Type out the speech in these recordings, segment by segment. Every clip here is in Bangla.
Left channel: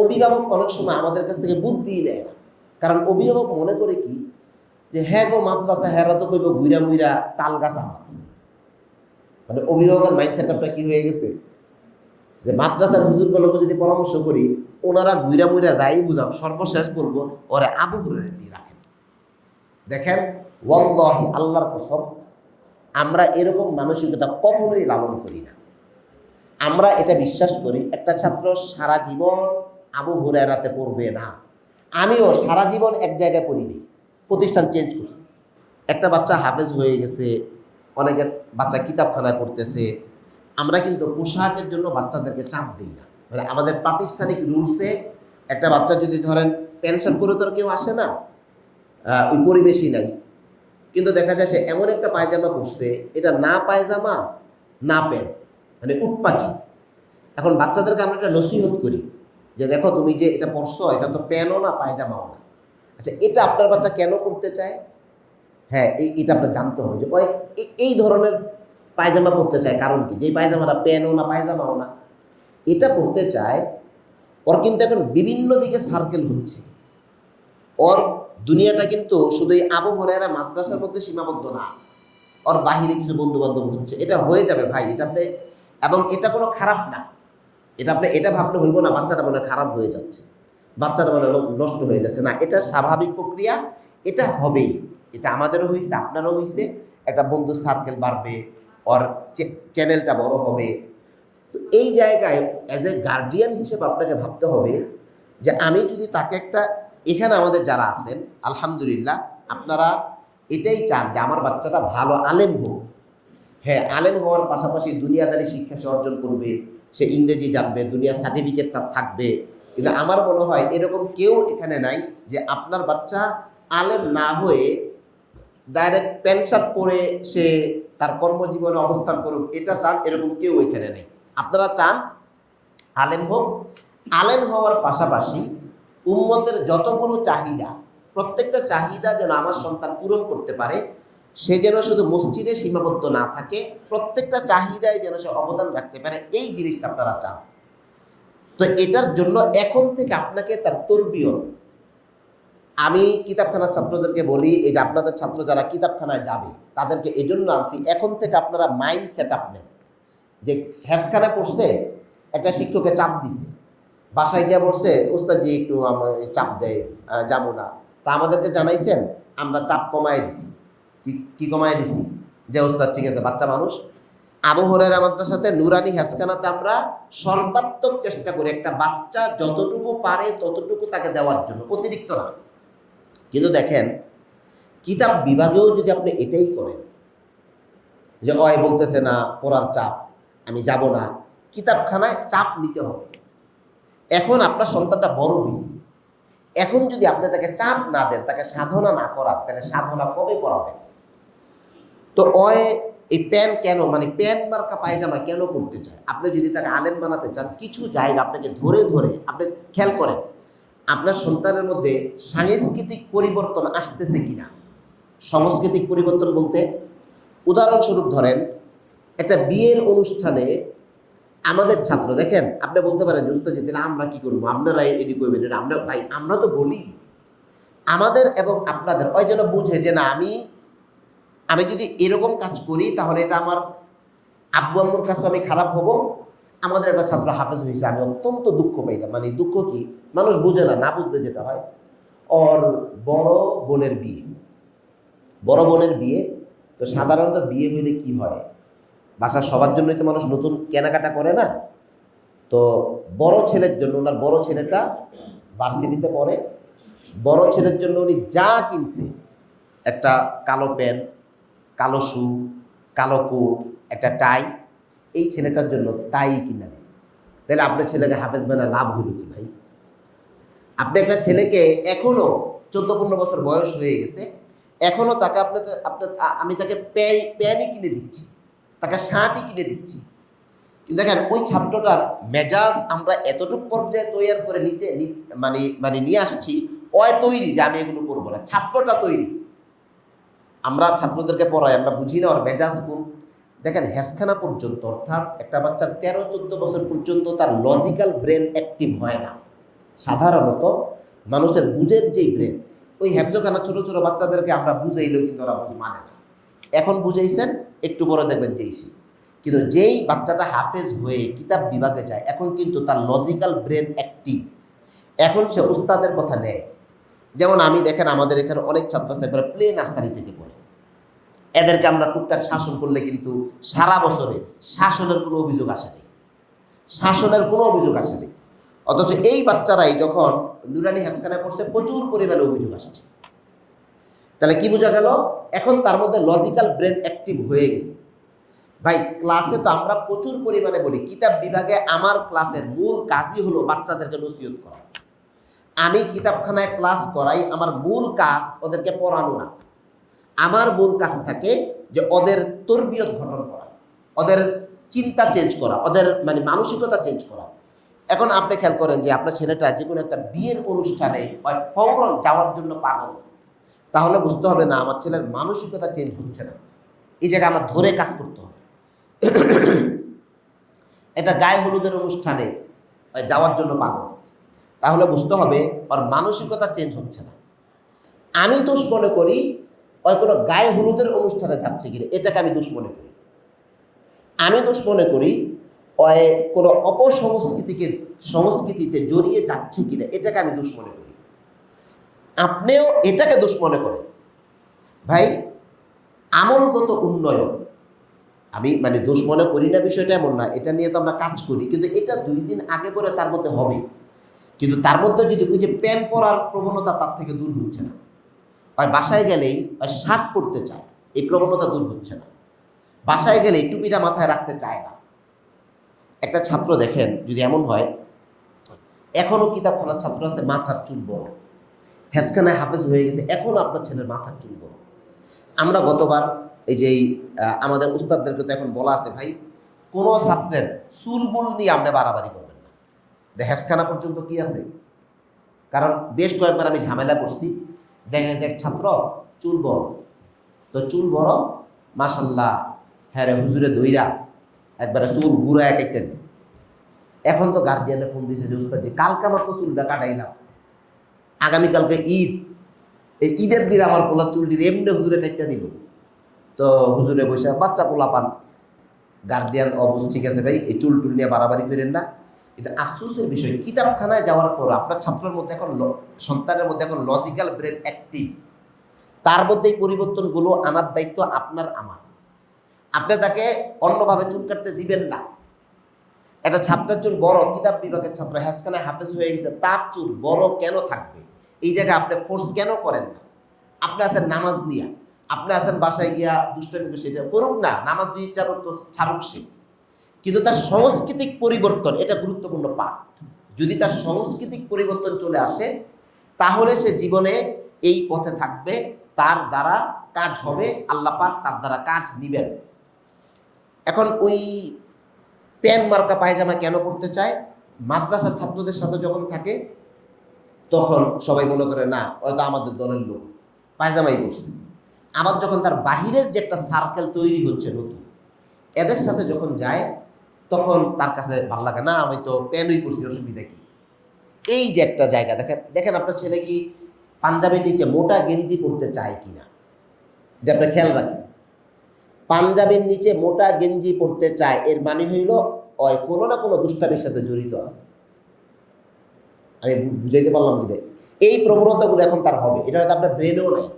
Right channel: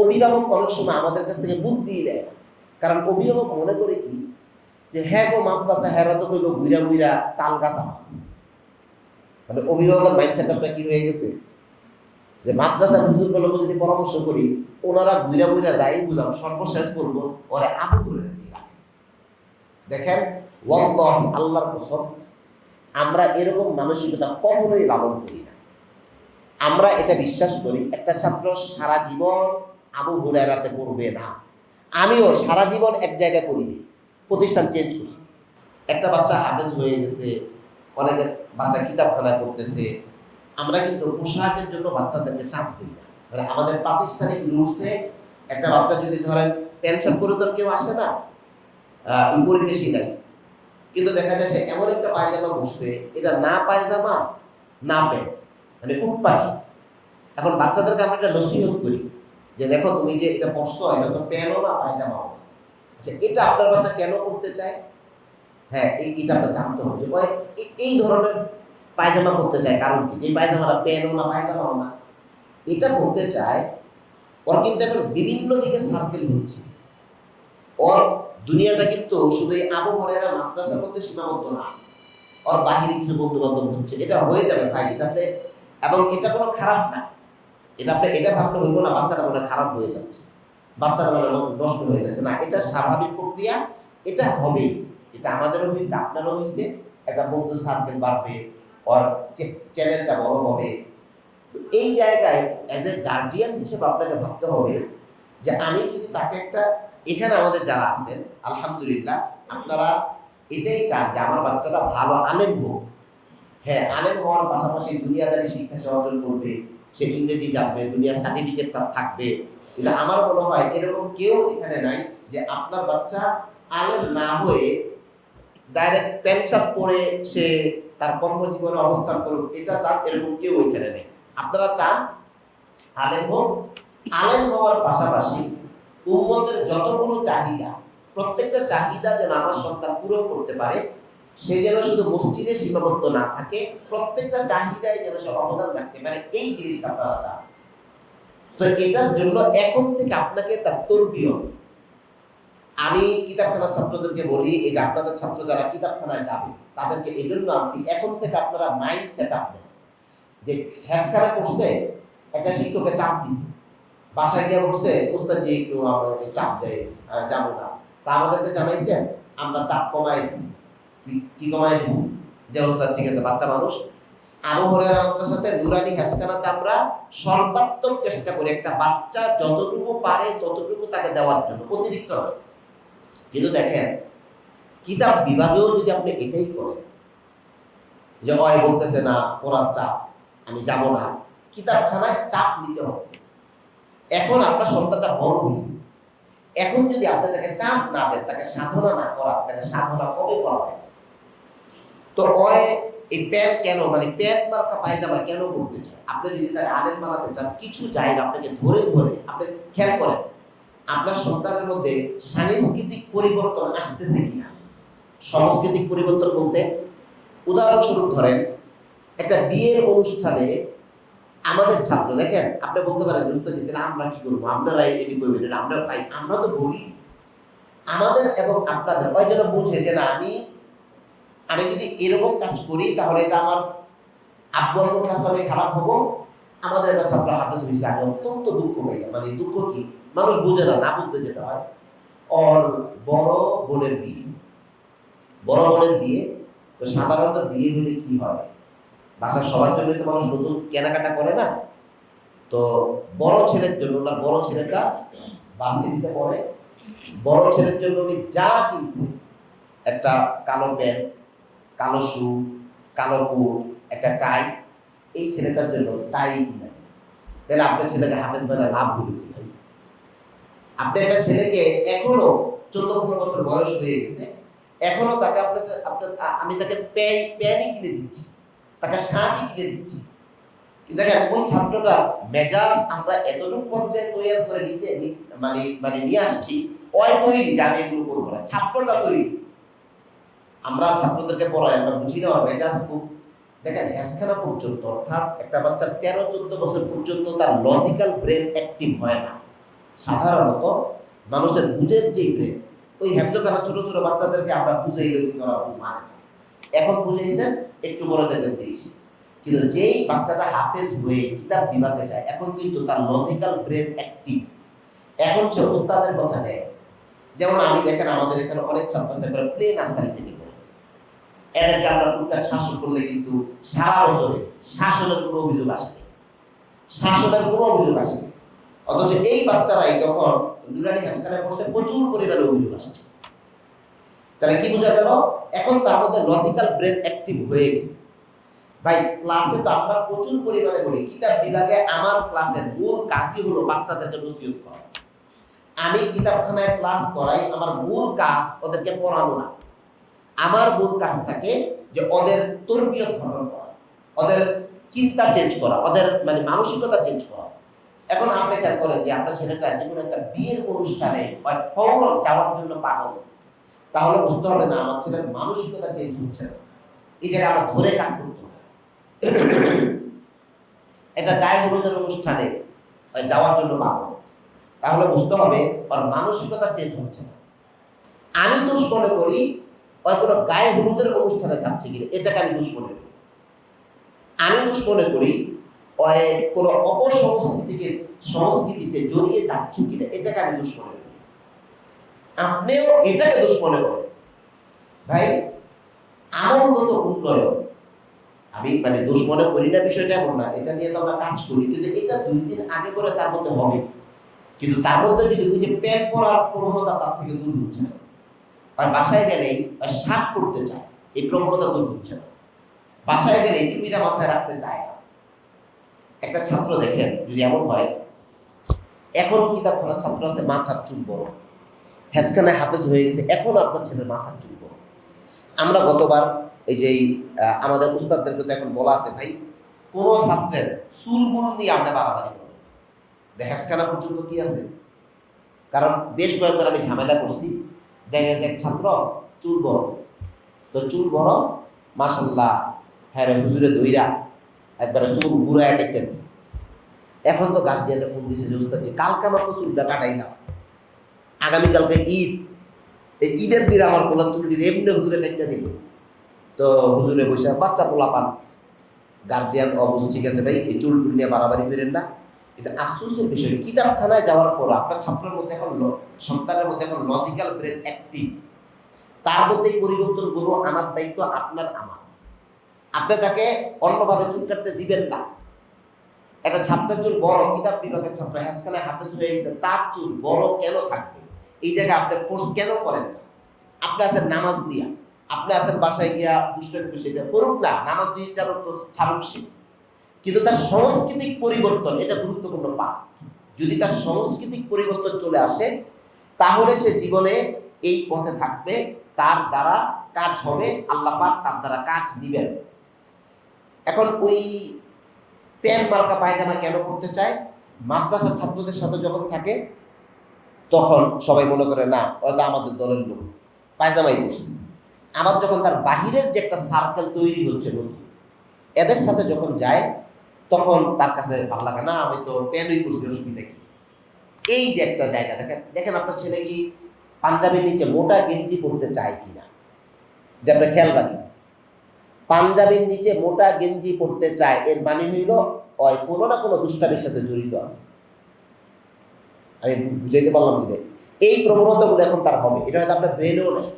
অভিভাবক অনেক সময় আমাদের কাছ থেকে বুদ্ধি নেয় না। কারণ অভিভাবক মনে করে কি? যে হ্যাঁ গো মাদ্রাসা হ্যাঁ তো কইব গুইরা গুইরা তাল গাছ। মানে অভিভাবকের মাইন্ডসেট আপনার কি হয়ে গেছে? যে মাদ্রাসার হুজুর গুলোকে যদি পরামর্শ করি, ওনারা গুইরা গুইরা যাই বুঝাম সর্বশেষ বলব, ওরা আবু করে দিয়ে রাখেন দেখেন, ওয়াল্লাহি আল্লাহর কসম, আমরা এরকম মানসিকতা কখনোই লালন করি না। আমরা এটা বিশ্বাস করি, একটা ছাত্র সারা জীবন আবু হুরায়রাতে পড়বে না। আমিও সারা জীবন এক জায়গায় পড়িনি। প্রতিষ্ঠান চেঞ্জ করছি। একটা বাচ্চা হাফেজ হয়ে গেছে অনেকের বাচ্চা কিতাবখানায় পড়তেছে। আমরা কিন্তু পোশাকের জন্য বাচ্চাদেরকে চাপ দিই না। মানে আমাদের প্রাতিষ্ঠানিক রুলসে একটা বাচ্চা যদি ধরেন পেনশন করে তো কেউ আসে না ওই পরিবেশই নাই। কিন্তু দেখা যায় সে এমন একটা পায়জামা পরছে, এটা না পায়জামা, না প্যান্ট মানে উটপাখি। এখন বাচ্চাদেরকে আমরা একটা নসিহত করি। যে দেখো তুমি যে এটা পরছো, এটা তো প্যানও না পায়জামাও না। আচ্ছা এটা আপনার বাচ্চা কেন করতে চায়? হ্যাঁ এই, এটা আপনার জানতে হবে যে এই- ধরনের পায়জামা পরতে চায় কারণ কি? যে পায়জামাটা প্যানও না, পায়জামাও না। এটা করতে চায়, ওর কিন্তু এখন বিভিন্ন দিকে সার্কেল হচ্ছে ওর দুনিয়াটা কিন্তু শুধু এই আবু হরাইরা মাদ্রাসার মধ্যে সীমাবদ্ধ না। ওর বাহিরে কিছু বন্ধু বান্ধব হচ্ছে। এটা হয়ে যাবে ভাই, এটা আপনি এবং এটা কোনো খারাপ না। এটা আপনি এটা ভাবতে হইব না বাচ্চাটা বলে খারাপ হয়ে যাচ্ছে। বাচ্চাটা হয় নষ্ট হয়ে যাচ্ছে। না, এটা স্বাভাবিক প্রক্রিয়া, এটা হবেই। এটা আমাদেরও হয়েছে আপনারও হয়েছে একটা বন্ধু সার্কেল বাড়বে ওর চ্যানেলটা বড় হবে। তো এই জায়গায় অ্যাজ এ গার্ডিয়ান হিসেবে আপনাকে ভাবতে হবে যে আমি যদি তাকে একটা, এখানে আমাদের যারা আছেন, আলহামদুলিল্লাহ, আপনারা এটাই চান যে আমার বাচ্চাটা ভালো, আলেম হোক। হ্যাঁ আলেম হওয়ার পাশাপাশি দুনিয়াদারি শিক্ষা সে অর্জন করবে। সে ইংরেজি জানবে, দুনিয়ার সার্টিফিকেট তার থাকবে। কিন্তু আমার মনে হয় এরকম কেউ এখানে নাই যে আপনার বাচ্চা আলেম না হয়ে ডাইরেক্ট প্যান্ট পরে সে তার কর্মজীবনে অবস্থান করুক, এটা চান এরকম কেউ এখানে নেই। আপনারা চান আলেম হোক, আলেম হওয়ার পাশাপাশি উম্মতের যতগুলো চাহিদা, প্রত্যেকটা চাহিদা যেন আমার সন্তান পূরণ করতে পারে সে যেন শুধু মসজিদে সীমাবদ্ধ না থাকে, প্রত্যেকটা চাহিদায় যেন সে অবদান রাখতে পারে, এই জিনিসটা আপনারা চান। তো এটার জন্য এখন থেকে আপনাকে তার তরবিয়। আমি কিতাবখানার ছাত্রদেরকে বলি, এই যে আপনাদের ছাত্র যারা কিতাবখানায় যাবে, তাদেরকে এই জন্য আনছি, এখন থেকে আপনারা মাইন্ড সেট আপ নেন। যে হ্যাসখানা করছে, একটা শিক্ষককে চাপ দিছে। বাসায় গিয়ে বলছে উস্তাদ একটু চাপ দেয় যাব না। তা আমাদেরকে জানাইছেন, আমরা চাপ কমাই দিছি। কি- কি কমাই দিছি? যে উস্তাদ ঠিক আছে, বাচ্চা মানুষ। আবু হরের সাথে নুরানি হ্যাসখানাতে আমরা সর্বাত্মক চেষ্টা করি, একটা বাচ্চা যতটুকু পারে ততটুকু তাকে দেওয়ার জন্য, অতিরিক্ত নয়। কিন্তু দেখেন, কিতাব বিভাগেও যদি আপনি এটাই করেন, যে, অয়, বলতেছে না পড়ার চাপ, আমি যাব না। কিতাবখানায় চাপ নিতে হবে। এখন আপনার সন্তানটা বড় হয়েছে। এখন যদি আপনি তাকে চাপ না দেন, তাকে সাধনা না করা তাহলে সাধনা কবে করাবে তো অয় এই প্যান কেন? মানে প্যান মার্কা পায়জামা কেন করতে চান? আপনি যদি তাকে আলেম বানাতে চান, কিছু জায়গা আপনাকে ধরে ধরে। আপনি খেয়াল করেন, আপনার সন্তানের মধ্যে সাংস্কৃতিক পরিবর্তন আসতেছে কিনা? সাংস্কৃতিক পরিবর্তন বলতে, উদাহরণস্বরূপ ধরেন, একটা বিয়ের অনুষ্ঠানে আমাদের ছাত্র, দেখেন, আপনি বলতে পারেন দুস্থ যেতে আমরা কি করব? আপনারা এটি করবেন আমরা ভাই, আমরা তো বলি। আমাদের এবং আপনাদের, ওই যেন বুঝে যে, না, আমি আমি যদি এরকম কাজ করি, তাহলে এটা আমার আব্বু আব্বুর কাছে আমি খারাপ হব। আমাদের একটা ছাত্র হাফেজ হয়েছে আমি অত্যন্ত দুঃখ পাইলাম। মানে দুঃখ কি? মানুষ বুঝে না না বুঝতে যেটা হয়। ওর বড় বোনের বিয়ে। বড় বোনের বিয়ে, তো সাধারণত বিয়ে হলে কি হয়? বাসার সবার জন্যই তো মানুষ নতুন কেনাকাটা করে না। তো বড় ছেলের জন্য না বড় ছেলেটা ভার্সিটিতে পড়ে। বড় ছেলের জন্য উনি যা কিনছে, একটা কালো প্যান্ট কালো শু কালো কোট, একটা টাই এই ছেলেটার জন্য তাই কিনে দিচ্ছে তাহলে আপনার ছেলেকে হাফেজ বেলা না ভুল কি ভাই? আপনি একটা ছেলেকে এখনও চোদ্দ পনেরো বছর বয়স হয়ে গেছে, এখনও তাকে আপনাকে আপনার আমি তাকে প্যান প্যানই কিনে দিচ্ছি, তাকে শার্টই কিনে দিচ্ছি। কিন্তু দেখেন, ওই ছাত্রটার মেজাজ আমরা এতটুকু পর্যায়ে তৈরি করে নিতে মানে মানে নিয়ে আসছি ওই তৈরি যে আমি এগুলো করব না, ছাত্রটা তৈরি। আমরা ছাত্রদেরকে পড়াই, আমরা বুঝি না, ওর মেজাজ খুব দেখেন, হেসখানা পর্যন্ত, অর্থাৎ একটা বাচ্চার তেরো, চোদ্দ বছর পর্যন্ত তার লজিক্যাল ব্রেন অ্যাক্টিভ হয় না। সাধারণত মানুষের বুঝের যে ব্রেন ওই হ্যাবজোখানা ছোটো, ছোট বাচ্চাদেরকে আমরা বুঝাইলেও কিন্তু ওরা মানে না। এখন বুঝাইছেন, একটু বড় দেখবেন তিরিশি। কিন্তু যেই বাচ্চাটা হাফেজ হয়ে কিতাব বিভাগে যায়, এখন কিন্তু তার লজিক্যাল ব্রেন অ্যাক্টিভ এখন সে উস্তাদের কথা নেয়। যেমন আমি, দেখেন, আমাদের এখানে অনেক ছাত্রছাত্রীরা প্লে নার্সারি থেকে। এদেরকে আমরা টুকটাক শাসন করলে কিন্তু সারা বছরে শাসনের কোনো অভিযোগ আসেনি শাসনের কোনো অভিযোগ আসেনি অথচ এই বাচ্চারাই যখন নুরানি হাসখানে পড়ছে, প্রচুর পরিমাণে অভিযোগ আসছে। তাহলে কি বোঝা গেল? এখন তার মধ্যে লজিক্যাল ব্রেন অ্যাক্টিভ হয়ে গেছে। ভাই ক্লাসে তো আমরা প্রচুর পরিমাণে বলি কিতাব বিভাগে আমার ক্লাসের মূল কাজই হলো বাচ্চাদেরকে নসিহত করা। আমি কিতাবখানায় ক্লাস করাই, আমার মূল কাজ ওদেরকে পড়ানো না। আমার মূল কাজ থাকে যে ওদের তরবিয়ত গঠন করা, ওদের চিন্তা চেঞ্জ করা, ওদের মানে মানসিকতা চেঞ্জ করা। এখন আপনি খেয়াল করেন যে আপনার ছেলেটা যে কোনো একটা বিয়ের অনুষ্ঠানে ফৌরন যাওয়ার জন্য পাগল, তাহলে বুঝতে হবে না আমার ছেলের মানসিকতা চেঞ্জ হচ্ছে না। এই জায়গায় আমার ধরে কাজ করতে হবে। এটা গায়ে হলুদের অনুষ্ঠানে যাওয়ার জন্য পাগল, তাহলে বুঝতে হবে ওর মানসিকতা চেঞ্জ হচ্ছে না। আমি দোষ মনে করি ওই কোনো গায়ে হলুদের অনুষ্ঠানে যাচ্ছে কিনা, এটাকে আমি দোষ মনে করি। আমি দোষ মনে করি কোনো অপসংস্কৃতিকে, সংস্কৃতিতে জড়িয়ে যাচ্ছে কিনা, এটাকে আমি দোষ মনে করি। আপনিও এটাকে দোষ মনে করেন। ভাই, আমলগত উন্নয়ন, আমি মানে দোষ মনে করি না বিষয়টা এমন না, এটা নিয়ে তো আমরা কাজ করি, কিন্তু এটা দুই দিন আগে করে তার মধ্যে হবে। কিন্তু তার মধ্যে যদি ওই যে প্যান্ট পরার প্রবণতা তার থেকে দূর হচ্ছে না। আর বাসায় গেলেই শার্ট পরতে চায়। এই প্রবণতা দূর হচ্ছে না। বাসায় গেলেই টুপিটা মাথায় রাখতে চায় না। একটা ছাত্র দেখেন, যদি এমন হয়, এখনও কিতাবখানার ছাত্র আছে, মাথার চুল বড়। হ্যাসখানে হাফেজ হয়ে গেছে, এখনও আপনার ছেলের মাথার চুল বড়। আমরা গতবার এই যে আমাদের উস্তাদদেরকে তো এখন বলা আছে, ভাই, কোনো ছাত্রের চুল বুল নিয়ে আপনি বাড়াবাড়ি করবেন না। হ্যাফখানা পর্যন্ত কি আছে? কারণ বেশ কয়েকবার আমি ঝামেলা করছি। দেখা গেছে এক ছাত্র চুল বড়। তো চুল বড় মাসাল্লাহ হ্যাঁ হুজুরে দইরা একবারে চুল ঘুরা এক একটা দিছে। এখন তো গার্ডিয়ানে ফোন দিছে যে উস্তাদ যে কালকে মাত্র চুলটা কাটাই না আগামীকালকে ঈদ। এই ঈদের দিন আমার পোলা চুলটি এমনি হুজুরে কাটতে দিব। তো হুজুরে বসে, বাচ্চা পোলা পান। গার্ডিয়ান অবশ্য ঠিক আছে ভাই, এই চুল টুল নিয়ে বাড়াবাড়ি করেন না। কিন্তু আফসোসের বিষয়, কিতাবখানায় যাওয়ার পর আপনার ছাত্রের মধ্যে এখন সন্তানের মধ্যে এখন লজিক্যাল ব্রেন অ্যাক্টিভ তার মধ্যে এই পরিবর্তনগুলো আনার দায়িত্ব আপনার, আমার। আপনি তাকে অন্যভাবে চুল কাটতে দিবেন না। একটা ছাত্রের চুল বড়, কিতাব বিভাগের ছাত্র হ্যাসখানে হাফেজ হয়ে গেছে, তার চুল বড় কেন থাকবে? এই জায়গায় আপনি ফোর্স কেন করেন না? আপনি আছেন নামাজ দিয়া আপনি আছেন বাসায় গিয়া দুষ্টামি বসে এটা করুক না, নামাজ দুই চার তো ছাড়ুক সে। কিন্তু তার সাংস্কৃতিক পরিবর্তন, এটা গুরুত্বপূর্ণ পাঠ যদি তার সাংস্কৃতিক পরিবর্তন চলে আসে, তাহলে সে জীবনে এই পথে থাকবে, তার দ্বারা কাজ হবে, আল্লাহ পাক তার দ্বারা কাজ দিবেন। এখন ওই প্যান মার্কা পায়জামা কেন করতে চায়? মাদ্রাসার ছাত্রদের সাথে যখন থাকে, তখন সবাই মনে করে, না হয়তো আমাদের দলের লোক, পায়জামাই পড়ছে আমার যখন তার বাহিরের যে একটা সার্কেল তৈরি হচ্ছে নতুন, এদের সাথে যখন যায় তখন তার কাছে ভালো লাগে, না, আমি তো প্যানই পড়ছি, অসুবিধা কি? এই যে একটা জায়গা, দেখেন দেখেন আপনার ছেলে কি পাঞ্জাবির নিচে মোটা গেঞ্জি পরতে চায় কিনা? এটা আপনি খেয়াল রাখেন। পাঞ্জাবির নিচে মোটা গেঞ্জি পরতে চায়, এর মানে হইল, ওই কোনো না কোনো দুষ্টামির সাথে জড়িত আছে। আমি বুঝাইতে পারলাম কি ভাই? এই প্রবণতাগুলো এখন তার হবে। এটা হয়তো আপনার ব্রেনেও নেই।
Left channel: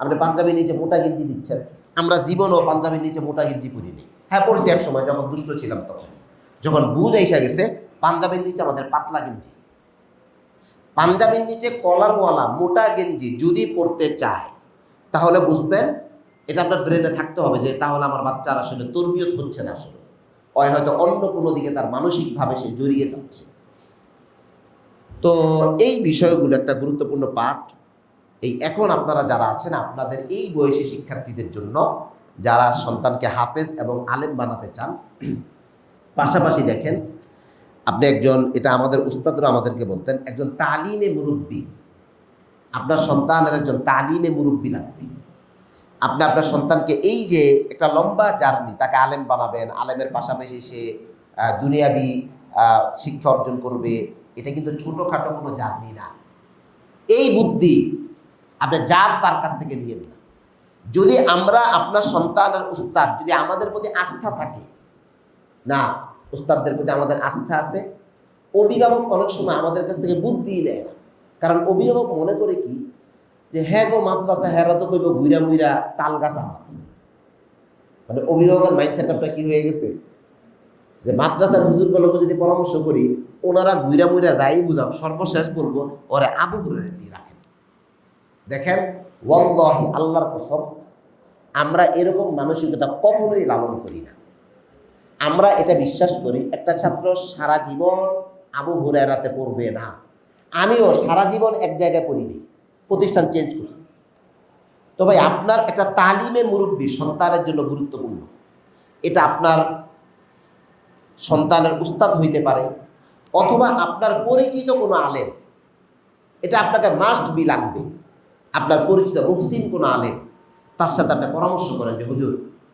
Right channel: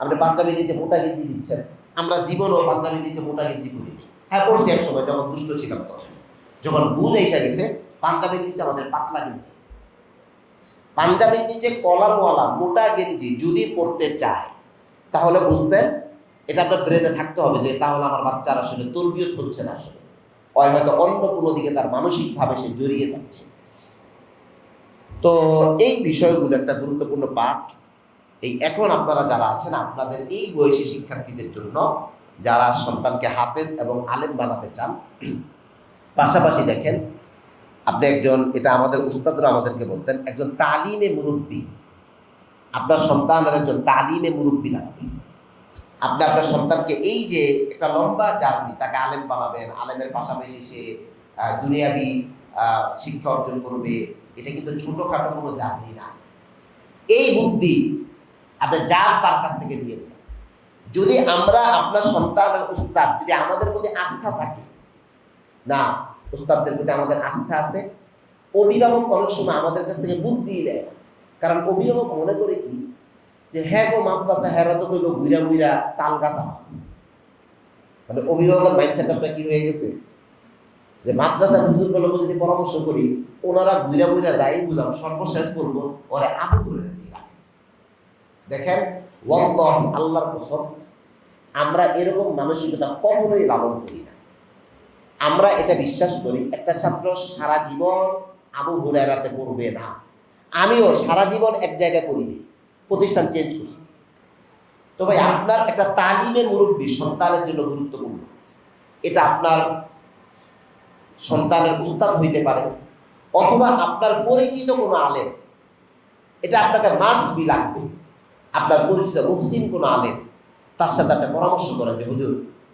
আপনি পাঞ্জাবির নিচে মোটা গেঞ্জি দিচ্ছেন। আমরা জীবনও পাঞ্জাবির নিচে মোটা গেঞ্জি পরিনি হ্যাঁ পড়ছি এক সময়, যখন দুষ্ট ছিলাম তখন। যখন বুঝ এসে গেছে, পাঞ্জাবের নিচে আমাদের পাতলা গেঞ্জি। পাঞ্জাবের নিচে কলারওয়ালা মোটা গেঞ্জি যদি পড়তে চায়, তাহলে বুঝবেন এটা আপনার ব্রেনে থাকতে হবে যে তাহলে আমার বাচ্চার আসলে তরবিয়ত হচ্ছে না আসলে। হয়তো অন্য কোনো দিকে তার মানসিকভাবে সে জড়িয়ে যাচ্ছে। তো এই বিষয়গুলো একটা গুরুত্বপূর্ণ পাঠ। এই এখন আপনারা যারা আছেন, আপনাদের এই বয়সী শিক্ষার্থীদের জন্য যারা সন্তানকে হাফেজ এবং আলেম বানাতে চান পাশাপাশি দেখেন, আপনি একজন, এটা আমাদের উস্তাদরা আমাদেরকে বলতেন, একজন তালিমে মুরব্বী। আপনার সন্তানের একজন তালিমে মুরব্বী লাগবে আপনি আপনার সন্তানকে এই যে একটা লম্বা জার্নি, তাকে আলেম বানাবেন, আলেমের পাশাপাশি সে দুনিয়াবি শিক্ষা অর্জন করবে, এটা কিন্তু ছোটোখাটো কোনো জাতি না। এই বুদ্ধি আপনি যার তার কাছ থেকে দেন যদি আমরা আপনার সন্তান আর উস্তাদ, যদি আমাদের প্রতি আস্থা থাকে না, উস্তাদদের প্রতি আমাদের আস্থা আছে। অভিভাবক অনেক সময় আমাদের কাছ থেকে বুদ্ধি নেয় না। কারণ অভিভাবক মনে করে কি? যে হ্যাঁ গো মাদ্রাসা হ্যাঁ তো কইব গুইরা গুইরা তাল গাছ মানে অভিভাবকের মাইন্ডসেটআপটা কি হয়ে গেছে? যে মাদ্রাসার হুজুর গুলোকে যদি পরামর্শ করি, ওনারা বুইরা বুইরা যাই বুঝাও, সর্বশেষ বলব, ওরা আবু করে দেখেন, ওয়াল্লাহি, আল্লাহর কসম, আমরা এরকম মানসিকতা কখনোই লালন করি না। আমরা এটা বিশ্বাস করি, একটা ছাত্র সারা জীবন আবু হুরায়রাতে পড়বে না। আমিও সারা জীবন এক জায়গায় পড়িনি, প্রতিষ্ঠান চেঞ্জ করছি। তবে আপনার একটা তালিমের মুরব্বী সন্তানের জন্য গুরুত্বপূর্ণ। এটা আপনার সন্তানের উস্তাদ হইতে পারে, অথবা আপনার পরিচিত কোনো আলেম। এটা আপনাকে মাস্ট বি লাগবে। আপনার পরিচিত মুসলিম কোনো আলেম, তার সাথে আপনি পরামর্শ করেন যে, হুজুর